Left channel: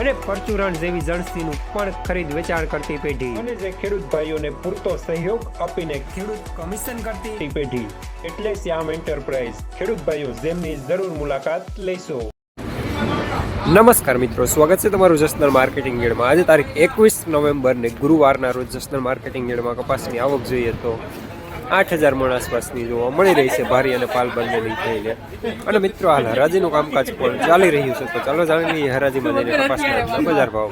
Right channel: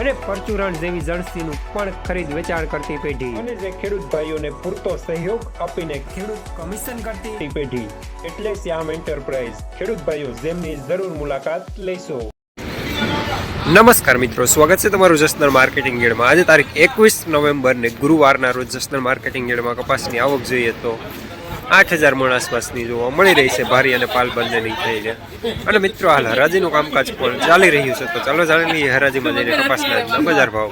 અને પરચુરણ જેવી જણસીનું પણ ખરીદ વેચાણ કરતી પેઢી. અને જે ખેડૂત ભાઈઓને પૂરતો સહયોગ આપીને ખેડૂત કમિશન કરતી પેઢી. એટલે શ્યામ એન્ટરપ્રાઇઝ. ખેડૂત ભાઈઓ જેમની જરૂર મુલાકાત લેશો. નમસ્કાર મિત્રો સ્વાગત છે તમારું જસનર માર્કેટિંગ ગેડમાં. આજે તારીખ એકવીસ નવેમ્બરને ગુરુવારના રોજ જસનર માર્કેટિંગ ગેડમાં કપાસની આવક જોઈએ તો આઠ હજાર મણ આસપાસની જોવા મળી રહી છે. ભારી અને પાલ બંનેની થઈને અને મિત્રો હાલ હરાજીનું કામકાજ પણ ચાલી રહ્યું છે. તો ચાલો જાણી લઈએ હરાજીમાં જઈને કપાસના બજાર ભાવ.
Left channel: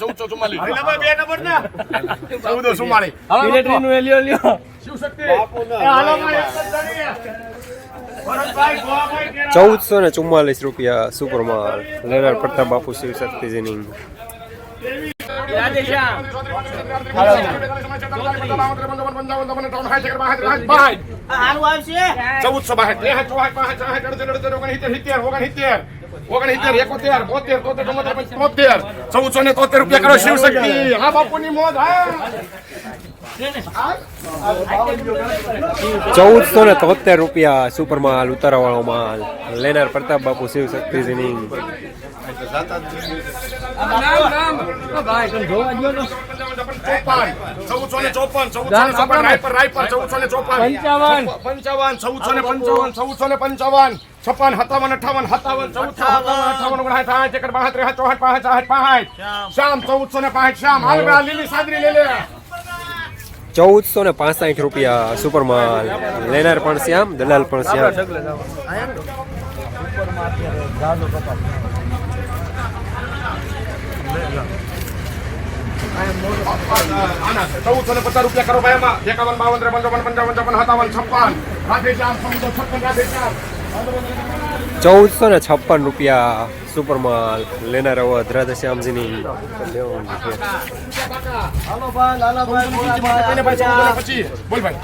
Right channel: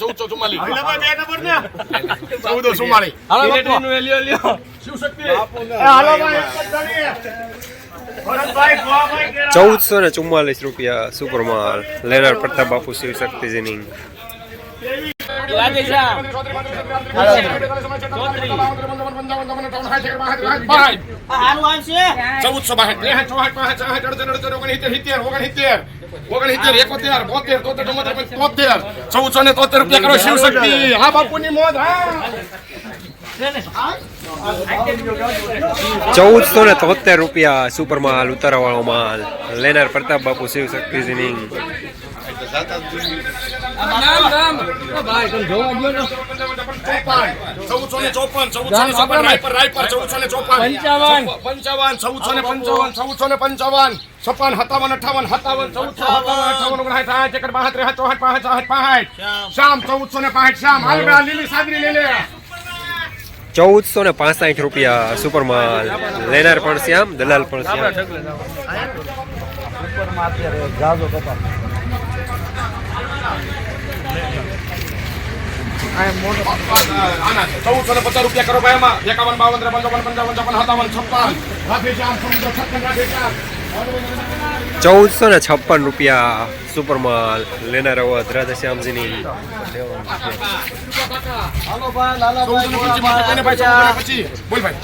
ચૌદ ચુમ્માલીસ. ચૌદસો ને ચુમ્માલીસ રૂપિયા સુપરમાલ. લેનાર પ્રતાપ બાપુ, શિવ શક્તિજીની. ચૌદસો ને તોતેર રૂપિયા કરો શિવ શક્તિ. હા, બાપુની મોજ, હા. ચૌદસો ને તોતેર રૂપિયા સુપરમાલ ઉતારવાળો માલ લેનાર પ્રતાપ બાપુ શિવ શક્તિજીની છપ્પન સત્તાવન અઠાવન સત્તાવન ચૌદસો સત્તાવન અઠાવન ઓગણસાઠ સાઠ એકર બાસઠ ચોસઠ પાંસઠ પાંસઠ શ્યામ ચૌદસો ને પાંસઠ શ્યામ હાલ લીલી સાદરી લે લે ચૌદસો ને પાસઠ રૂપિયા સુપરમાલ. લેનાર પણ શ્યામ, દલાલ પણ શ્યામ. ચૌદસો પચાસ રૂપિયા કરો ભાઈ છપ્પન. ચૌદસો ને છપ્પન રૂપિયા સુપરમાલ લેનાર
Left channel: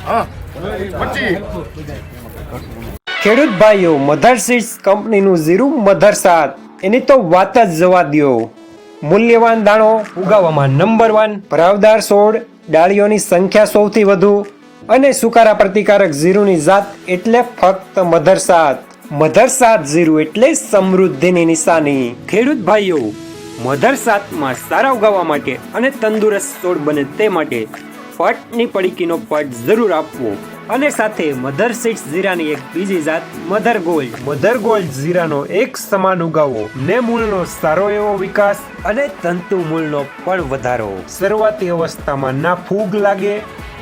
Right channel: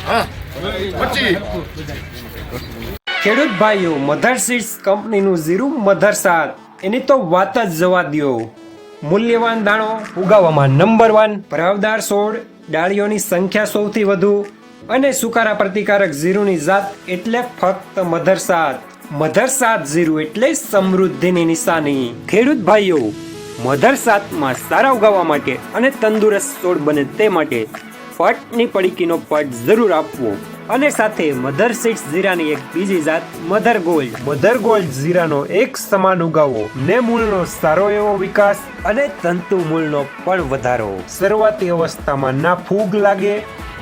હા પચીસ ખેડૂત ભાઈઓ, મધર સીડ્સ કંપનીનું ઝીરું મધર સાત એની તો વાત જ જવા દો મૂલ્યવાન દાણો ઉગાવવામાં નંબર વન ભરાવદાર છોડ, ડાળીઓની સંખ્યા સૌથી વધુ અને સુકારા પ્રતિકારક ઝીરુની જાત એટલે ફક્ત મધર સાત મધર સાત જીરું એટલે સમૃદ્ધિની નિશાની. ખેડૂત ભાઈઓ મધર સાતમાં સારા ઉગાવવા માટે અને તંદુરસ્ત છોડ બને તે માટે પટની પડીકીનો પટ જરૂર આપવો અને સાથે મધર સીડ્સ જીરાની એક બીજી જાત મધર ગોલ્ડ. મધર ગોલ્ડ જીરાનો એક સમાન ઉગાવો. ને મૂળનો સારો એવો વિકાસ અને તંતુ મૂળનો પણ વધારો. શરૂઆતી અવસ્થામાં ના ફૂગ લાગે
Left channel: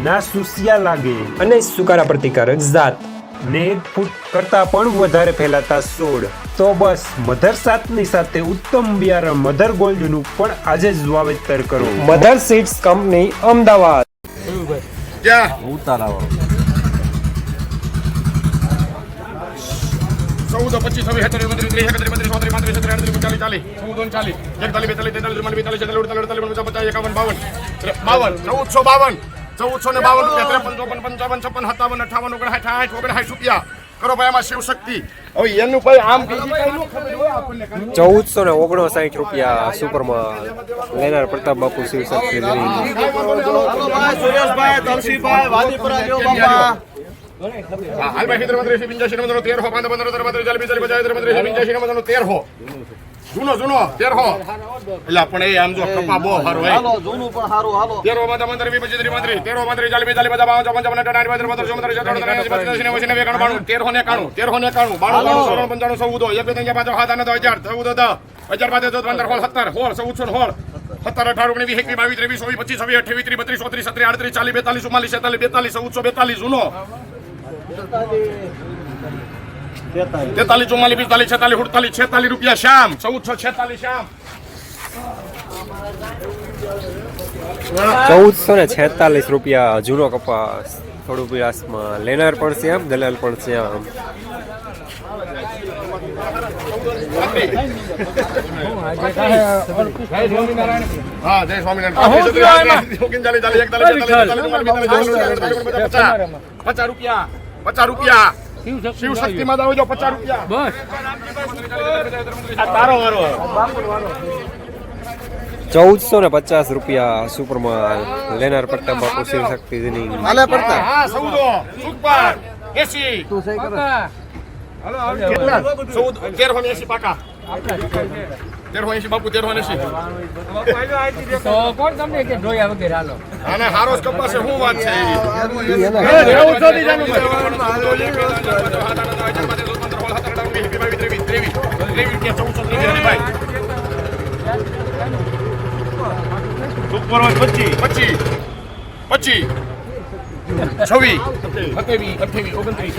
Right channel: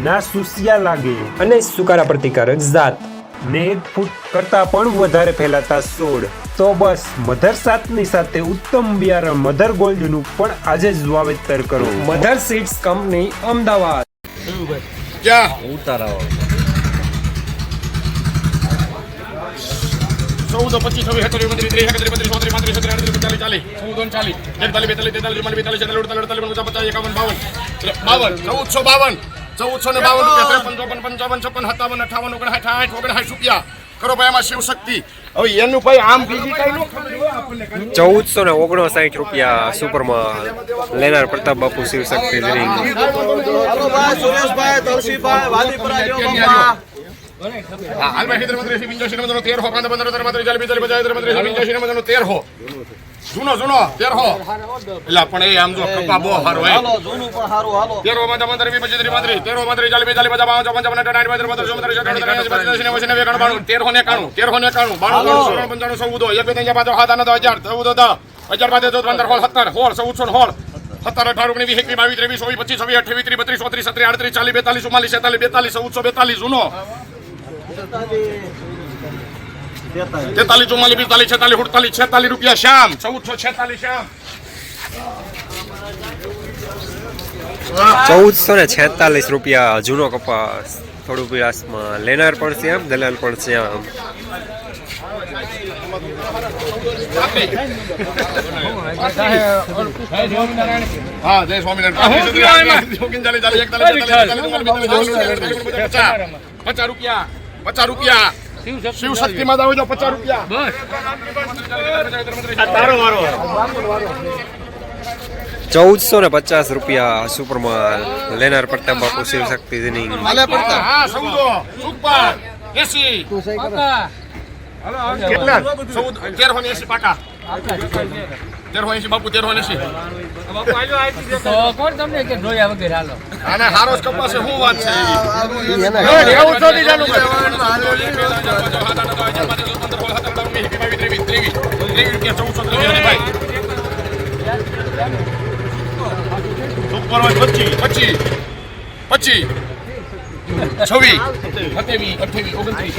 ના સુસિયા લાગે. અને સુકારા પ્રતિકારક જાત. ને એક ફૂટ કરતા પણ વધારે ફેલાતા છોડ તો બસ મધર સાતની સાથે ઉત્તમ બિયારણ મધર ગોલ્ડનું પણ આજે જ વાવેતર કરો મધર સીડ્સ કંપની અમદાવાદ ચૌદ પચીસ છવ્વીસ સત્તર ઓગણત્રીસ ત્રીસ એકત્રીસ બત્રીસ ચોત્રીસ પાંત્રીસ છત્રીસ આડત્રીસ ઓગણચાલીસ ચાલીસ ચૌદ ઓગણચાલીસ એકતાલીસ બેતાલીસ તેતાલીસ બેતાલીસ છેતાલીસ અડતાલીસ અડતાલીસ પચાસ પચાસ એકાવન બાવન બાવન ચૌદસો બાવન ચૌદસો ને બાવન રૂપિયા ત્રેપન ચોપન પંચાવન છપ્પન સત્તાવન અઠાવન ઓગણસાઠ આઠ ઓગણસાઠ રૂપિયા. કરો ભાઈ આમાં શિવ શક્તિ હવે એનું ભાઈ આમ બીજી કઈ નું ખબર હોય આપણને ચૌદસો ને ઓગણસાઠ રૂપિયા સુપરમાં લેનાર પ્રતાપ બાપુ શિવ શક્તિ તેર હો, જૂનો જૂનો તેરહો એટલે પણ એ આમ જો કપા બહુ સારો હે તેરો માં પંદર વીસ પચીસ ત્રીસ પાંત્રીસ તેરો પાંત્રીસ ચાલીસ બેતાલીસ પચાસ બાવન ચોપન છપ્પન અઠાવન આઠ પંદર ચોપન ત્રીસ અઠાવન ત્રીસ પચાસ એંસી નેવું એકાણું બાણું. તેરસો ને એકાણું તેરહો ને એકાણું બાણું બાણું સોળ પંચાણું ચૌદ એક બે ત્રણ પાંચ આઠ નવ હજાર ચૌદ દસ હજાર પાંચ ચૌદ પંદર સોળ સત્તર સોળ સૌ સોળ સત્તર અઢાર ઓગણી વીસ એકવીસ બાવીસ ત્રેવીસ ચોવીસ પચીસ છવ્વીસ અઠ્યાવીસ ત્રીસ બત્રીસ ચોત્રીસ સત્રીસ આડત્રીસ ચાલીસ બેતાલીસ ચુમ્માલીસ છેતાલીસ બેતાલીસ ચૌદસો બેતાલીસ જૂનો. તેતાલીસ ચુમ્માલીસ પિસ્તાલીસ છેતાલીસ સુડતાલીસ છેતાલીસ રૂપિયા શ્યામ. ચૌદસો છેતાલીસ શ્યામ. ચૌદસો ને છેતાલીસ રૂપિયા જૂનો કપાસ. થોડું પીળાસમાં લેનાર પણ શ્યામ દલાલ પણ હા જય સ્વામિનારાયણ. ચાલી પચાસ પચાસ. રૂપિયા પચાસ રૂપિયા. શિવ શક્તિ માં જાવ પચાસ રૂપિયા. તારો વારો ચૌદસો ને પચાસ રૂપિયા સુપરમાલ લેનાર પટ્ટા બાપુ શિવ શક્તિ તેરસો એસી બાપુ તેરસો એસી. તો કોણ તમને કે જોયા વગર હાલો? આને હારો કપાસ છે, શું વાત છે પચીસ છવ્વીસ સત્યાવીસ અઠ્યાવીસ ઓગણત્રીસ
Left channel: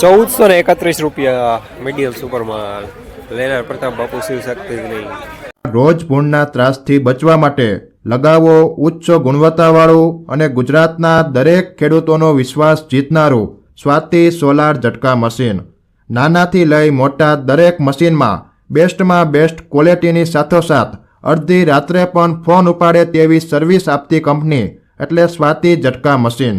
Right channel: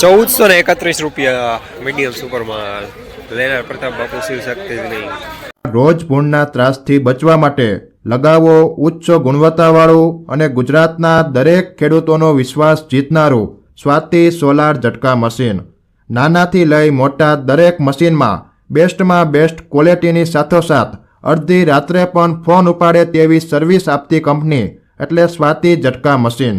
ચૌદસો ને એકત્રીસ રૂપિયા મીડિયમ સુપરમાલ લેનાર પ્રતાપ બાપુ શિવ શક્તિ નહીં રોજ ભૂણના ત્રાસથી બચવા માટે લગાવો ઉચ્ચ ગુણવત્તાવાળું અને ગુજરાતના દરેક ખેડૂતોનો વિશ્વાસ જીતનારું સ્વાતિ સોલાર ઝટકા મશીન. નાનાથી લઈ મોટા દરેક મશીનમાં બેસ્ટમાં બેસ્ટ ક્વોલિટીની સાથોસાથ અડધી રાત્રે પણ ફોન ઉપાડે તેવી સર્વિસ આપતી કંપની એટલે સ્વાતિ ઝટકા મશીન.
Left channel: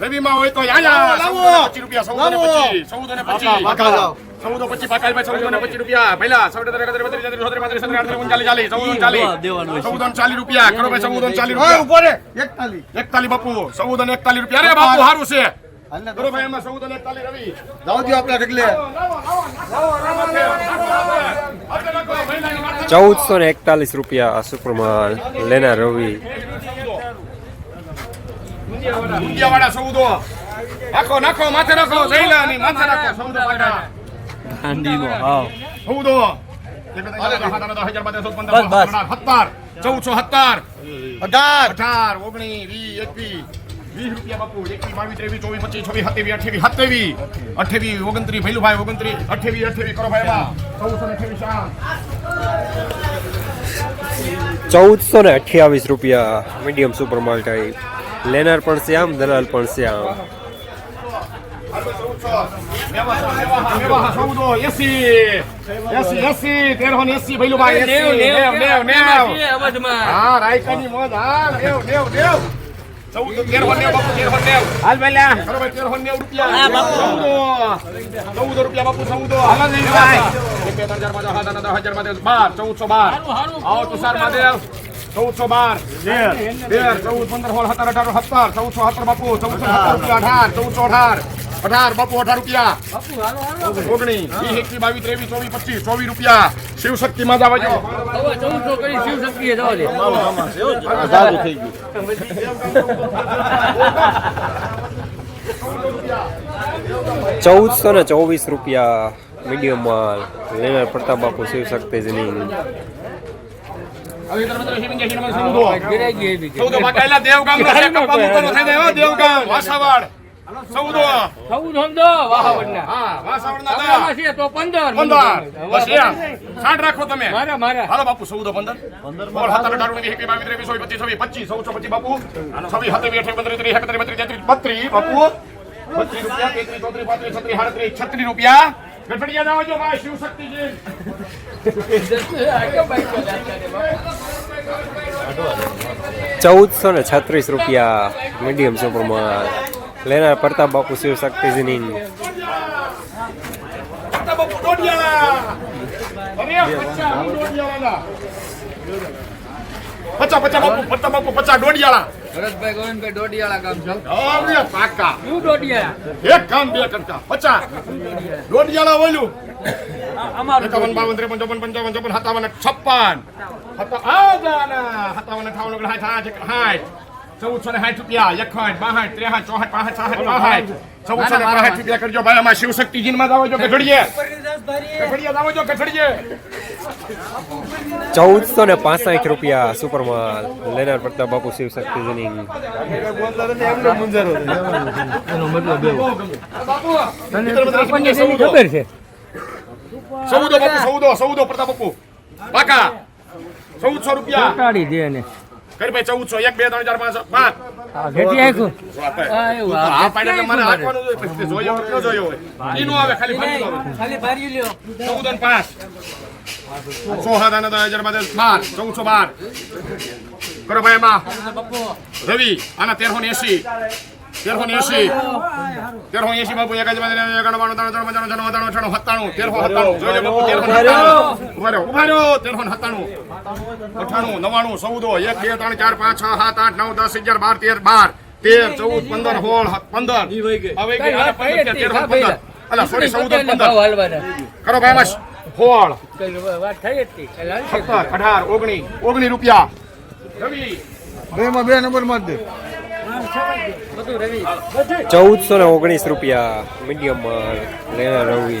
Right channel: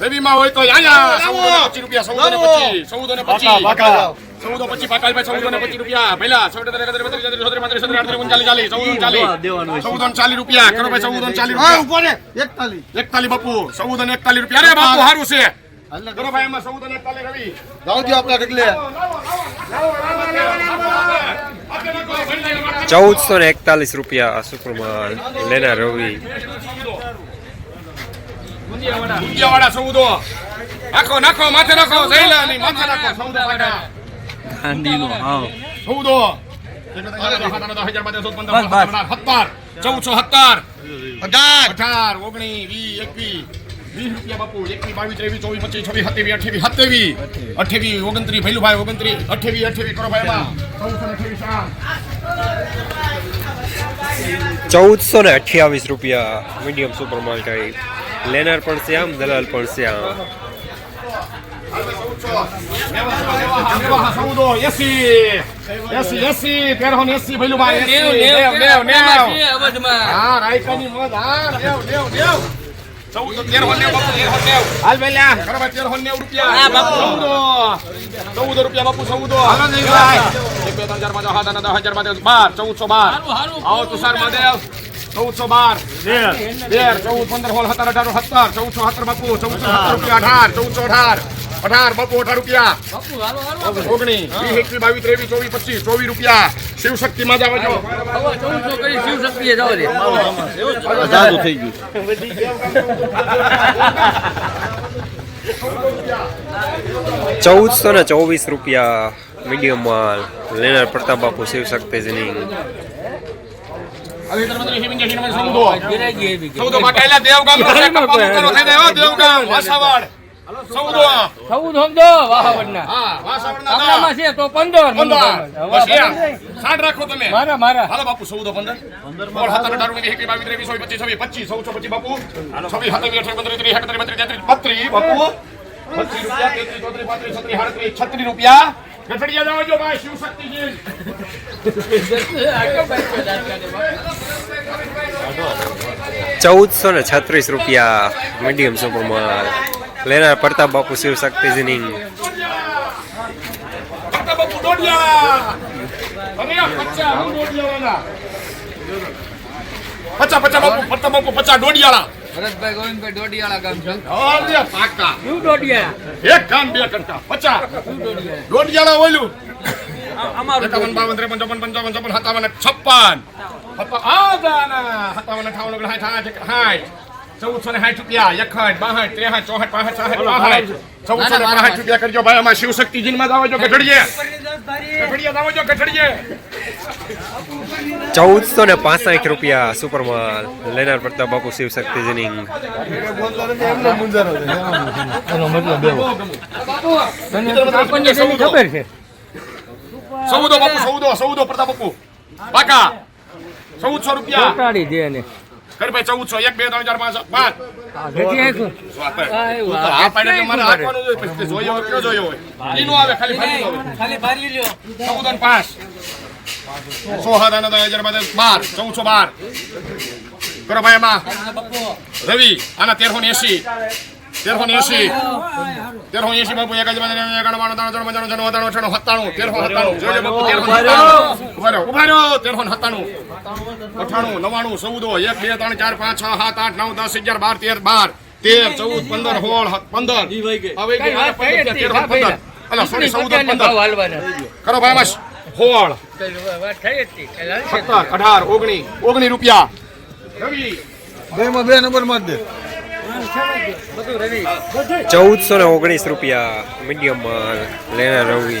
રવિમાં હોય તો અહીંયા ચૌદો પચીસ રૂપિયા ચૌદો ને પચીસ ચૌદો ને પચીસ ચૌદો પચીસ પાકાલ ચૌદો ને પચીસ રૂપિયા પહેલા ચૌદ ચાલીસ ચૌદો ચાલીસ ચૌદો ને ચાલીસ રૂપિયા કરો ભાઈ ચૌદો ચાલીસ રૂપિયા એકતાલીસ બાપુ ચૌદો ને એકતાલીસ રૂપિયા અરે બાપુ સારું છે કરો ભાઈ એમાં ચૌદો ને એકતાલીસ રવિ ચૌદસો ને એકતાલીસ રૂપિયા સુપરમાલ લેનાર રવિ રૂપિયાવાળા ચૌદો નાખો નાખો માથે નાખો જઈલાની માથે નાખો ચૌદો પાકા ચૌદો સત્તર ચૌદસો સત્તર. અઢાર. ઓગણીસ વીસ એકવીસ વીસ રૂપિયા બાપુ. એકવીસ બાવીસ ત્રેવીસ ચોવીસ પચીસ છવ્વીસ સત્યાવીસ અઠ્યાવીસ સત્યાવીસ. અઠ્યાવીસ ઓગણત્રીસ ભૈલુભાઈ ઓગણત્રીસ. અઠ્યાવીસ અઠ્યાવીસ કરો ભાઈ એમાં. ચૌદસો ને અઠ્યાવીસ ચૌદસો ને અઠ્યાવીસ રૂપિયા મીડિયમ સુપર ટાઈપ લેનાર પણ શ્યામ દલાલ પણ શ્યામ ચૌદો રૂપિયા બાપુ ચૌદો બે ત્રણ આઠ નવ દસ હજાર બાર બાર ચૌદસો બાર આવો તુષાર મહાદેવ ચૌદસો બાર. તેર ચૌદ પંદર સોળ સત્તર અઢાર સત્તર ચૌદસો સત્તર બાપુ ચૌદસો રૂપિયા અઢાર ચૌદસો અઢાર અઢાર બાપુ અઢાર રૂપિયા. વીસ એકવીસ બાવીસ ત્રેવીસ ચોવીસ પચીસ ચોવીસ રૂપિયા. શિવમાં જાવ શક્તિએ જવા ચૌદસો ને ચોવીસ રૂપિયા મીડિયમ માલ. લેનાર પ્રતાપ બાપુ શિવ શક્તિ જીની ગિરાઈ ગઈ એવી કે. ચૌદો દેવગામ નો છે કપ્પા મુકાનો થઈ જાય દેવગામ વાસાવાડ. ચૌદો ચૌદ સમજો વાવાવડના. હા વાસાવાડ ના આમાં છે તો પંદર. પંદર. બસ એમ. સાઠ રાખો તમે. મારા મારા. હાલો બાપુ ચૌદો પંદર. પંદર સત્તર અઢાર ઓગણીસ એકવીસ બાવીસ ત્રેવીસ ચોવીસ પચીસ પચીસ ચૌદસો પચીસ બાપુ. છવ્વીસ સત્યાવીસ અઠાવીસ પંદર ત્રીસ એકત્રીસ બત્રીસ તેત્રીસ બત્રીસ બાપુ. પચીસ રૂપિયા તેત્રીસ ચોત્રીસ પાંત્રીસ છત્રીસ સાડત્રીસ છત્રીસ રૂપિયા. ગઠડિયા ના જો ભાઈ શિવ શક્તિજી ચૌદસો ને છત્રીસ રૂપિયા મીડિયમ સુપરમાં લેનાર પ્રતાપ બાપુ શિવ શક્તિ જીની પત્તા બાપુ પચ્ચા બાપુ પચ્ચા દોઢિયાળા ભરતભાઈ ગોવિંદભાઈ ડોડિયાળા ગામ છે? પાકા શું ડોડિયા એક કામ બે કરતા. પચાસ. દોઢિયાળા બોલ્યું અમારું એકાવન બાવન ત્રેપન ચોપન પંચાવન ચોપન સત્તાવન છપ્પન. સત્તાવન. અઠાવન ઓગણ સાઠ આઠ સાઠ ચૌદસો ને સાઠ રૂપિયા પાસઠ ચૌદસો ને બાસઠ રૂપિયા કરજો ભાઈ અમારા શિવશક્તિજી માં જાવ ગઢડીએ. ગઢડીએ જાવ ગઢડીએ. ચૌદસો ને પાસઠ રૂપિયા સુપરમાલ લેનાર પ્રતાપ બાપુ શિવ શક્તિ જનિંગ ખબર છે સૌદો બાપુ સૌદો સૌદો પ્રતાપ બાપુ. પાકા. ચૌદસો રૂપિયા. દે ને કરી ભાઈ ચૌદસો એક બે ત્રણ ચાર પાંચ પાંચ આ પાડ. એટલે મારે હાંકવાનું જોયો હોય જોયો હોય? ઈ આવે ખાલી ખાલી ભારી લ્યો. ચૌદ અને પાંચ. સો હાથ આના તો હજાર બાર ચૌદસો બાર. કરો ભાઈ એમાં રવિ આના તેરસો ને એસી તેરસો એસી તેરસો એસી બાપુ એક જ એકાણું ત્રણ ત્રણ પંચાણું છન્નું સત્તાણું અઠાણું સત્તાણું તેરસો સત્તાણું. જોઈ લો બાપુ તેરસો સત્તાણું. ઊભા રહ્યો ઊભા રહ્યો તેરસો સત્તાણું. અઠાણું નવાણું ચૌદ એક બે ત્રણ ચાર પાંચ છ સાત આઠ નવ દસ અગિયાર બાર તેર બાર તેર ચૌદ પંદર સોળ પંદર. હવે ગઈ. પંદર અલા સોરી ચૌદ પંદર. કરો ભાઈ બસ સોળ. વાત થઈ હતી. સત્તર અઢાર ઓગણી ઓગણી રૂપિયા. ચૌદસો ને ઓગણીસ રૂપિયા મીડિયમ લેના રવિ.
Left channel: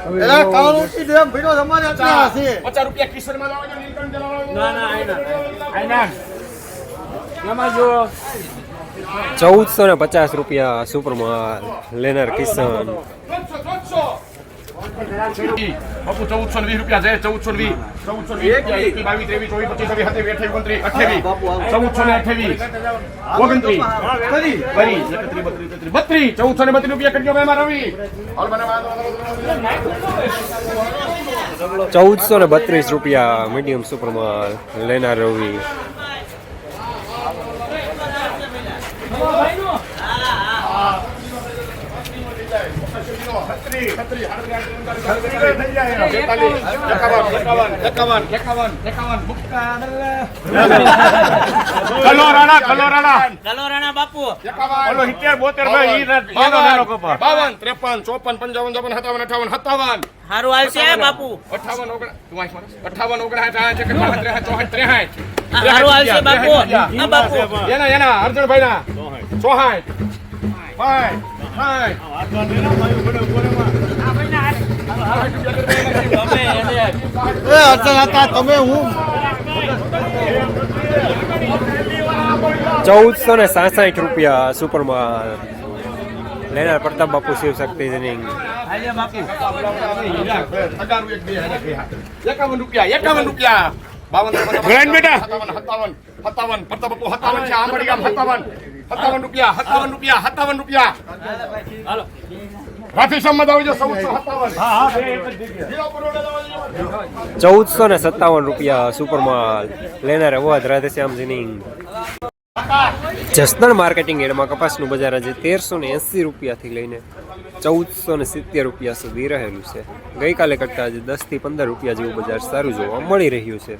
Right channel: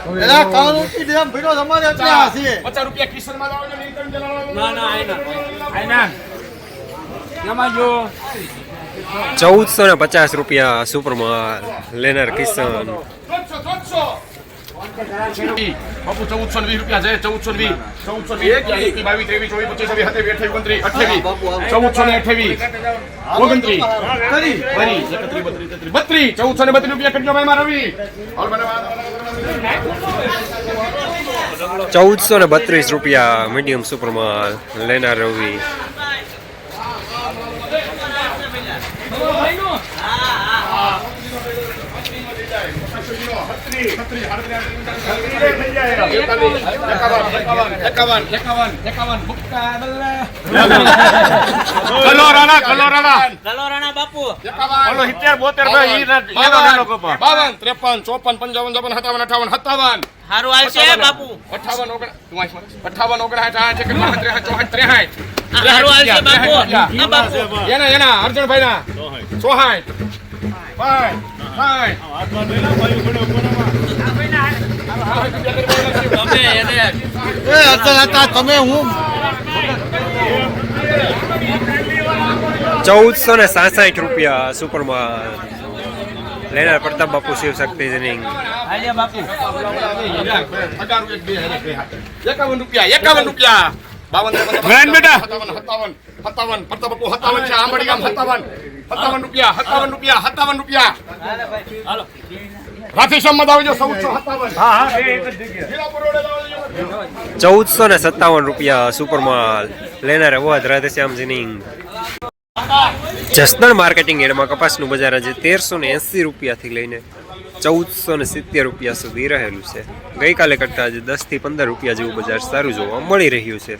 એંસી. ચૌદસો પાકલભાઈ ગાવણી ભીડો તમારે પાનાડા ચૌદો મુકેશભાઈ એક બે માં ચાર નીલકંઠ છ ના ના આઈના દસ અગિયાર બાર પંદર સોળ સત્તર અઢાર વીસ બાવીસ, ચૌદો ને વીસ એકવીસ બાવીસ ત્રેવીસ ત્રેવીસ એકત્રીસ બત્રીસ ચોત્રીસ પાંત્રીસ છત્રીસ આડત્રીસ અડત્રીસ ઓગણચાલીસ ચાલીસ આડત્રીસ ચૌદ ને આડત્રીસ ચૌદ ને આડત્રીસ ગાવણી પાનાડા આડત્રીસ આડત્રીસ ઓગણચાલીસ, ચાલીસ, એકતાલીસ, બેતાલીસ, તેતાલીસ, ચુમ્માલીસ, પિસ્તાલીસ, છેતાલીસ, પિસ્તાલીસ, પિસ્તાલીસ. પાણી. પચાસ, પચાસ. એમાં રૂપિયા જો ચૌદસો ને પચાસ રૂપિયા સુપરમાલ લેનાર કિશન. બાપુ ચૌદસો ને વીસ રૂપિયા છે ચૌદસો વીસ ચૌદસો વીસ બાવીસ ત્રેવીસ ચોવીસ પચીસ છવ્વીસ સત્યાવીસ અઠ્યાવીસ ઓગણત્રીસ અઠ્યાવીસ ચૌદસો ને અઠ્યાવીસ ઓગણત્રીસ બત્રીસ એકત્રીસ બત્રીસ બત્રીસ ચૌદસો ને બત્રીસ રૂપિયા કરજો રવિ ચૌદસો ને બત્રીસ રૂપિયા મીડિયમ સુપરમાં લેનાર રવિ. બેતાલીસ, એકાવન, એકાવન, એકાવન, એકાવન, એકાવન, મુક્તા ડલ્લા. કલો રાણા, કલો રાણા. એકાવન, બાવન, બાવન, ત્રેપન ચોપન પંચાવન ચોપન સત્તાવન અઠાવન સત્તાવન હારું આવશે બાપુ અઠાવન ઓગણ તું વાંચ મારે. અઠાવન ઓગણસાઠ સાઠ એકસઠ બાસઠ ત્રેસઠ ચોસઠ ત્રેસઠ આવશે બાપુ એના એના અર્જુનભાઈ ના ચોહાઠ ભાઈ સાઠ તમે ચૌદસો ને સાસઠ રૂપિયા સુપરમાલ લેનાર પ્રતાપ બાપુ શિવ શક્તિ જનિંગ. એકાવન રૂપિયા એકાવન રૂપિયા. બાવન ત્રેપન, સત્તાવન પ્રતાપ બાપુ સત્તાવન છે. આંબડી ગામ સત્તાવન. સત્તાવન રૂપિયા સત્તાવન રૂપિયા સત્તાવન રૂપિયા. ચૌદસો ને સત્તાવન રૂપિયા સુપરમાલ લેનાર અવાજ રાધેશ્યામ જનિંગ જસદણ માર્કેટિંગ એડમાં કપાસનું બજાર આજે તેરસો ને એંસી રૂપિયાથી લઈને ચૌદસો ને સિત્તેર રૂપિયા સુધી રહેલું છે. ગઈકાલે કરતાં આજે દસથી પંદર રૂપિયા જેવું બજાર સારું જોવા મળી રહ્યું છે.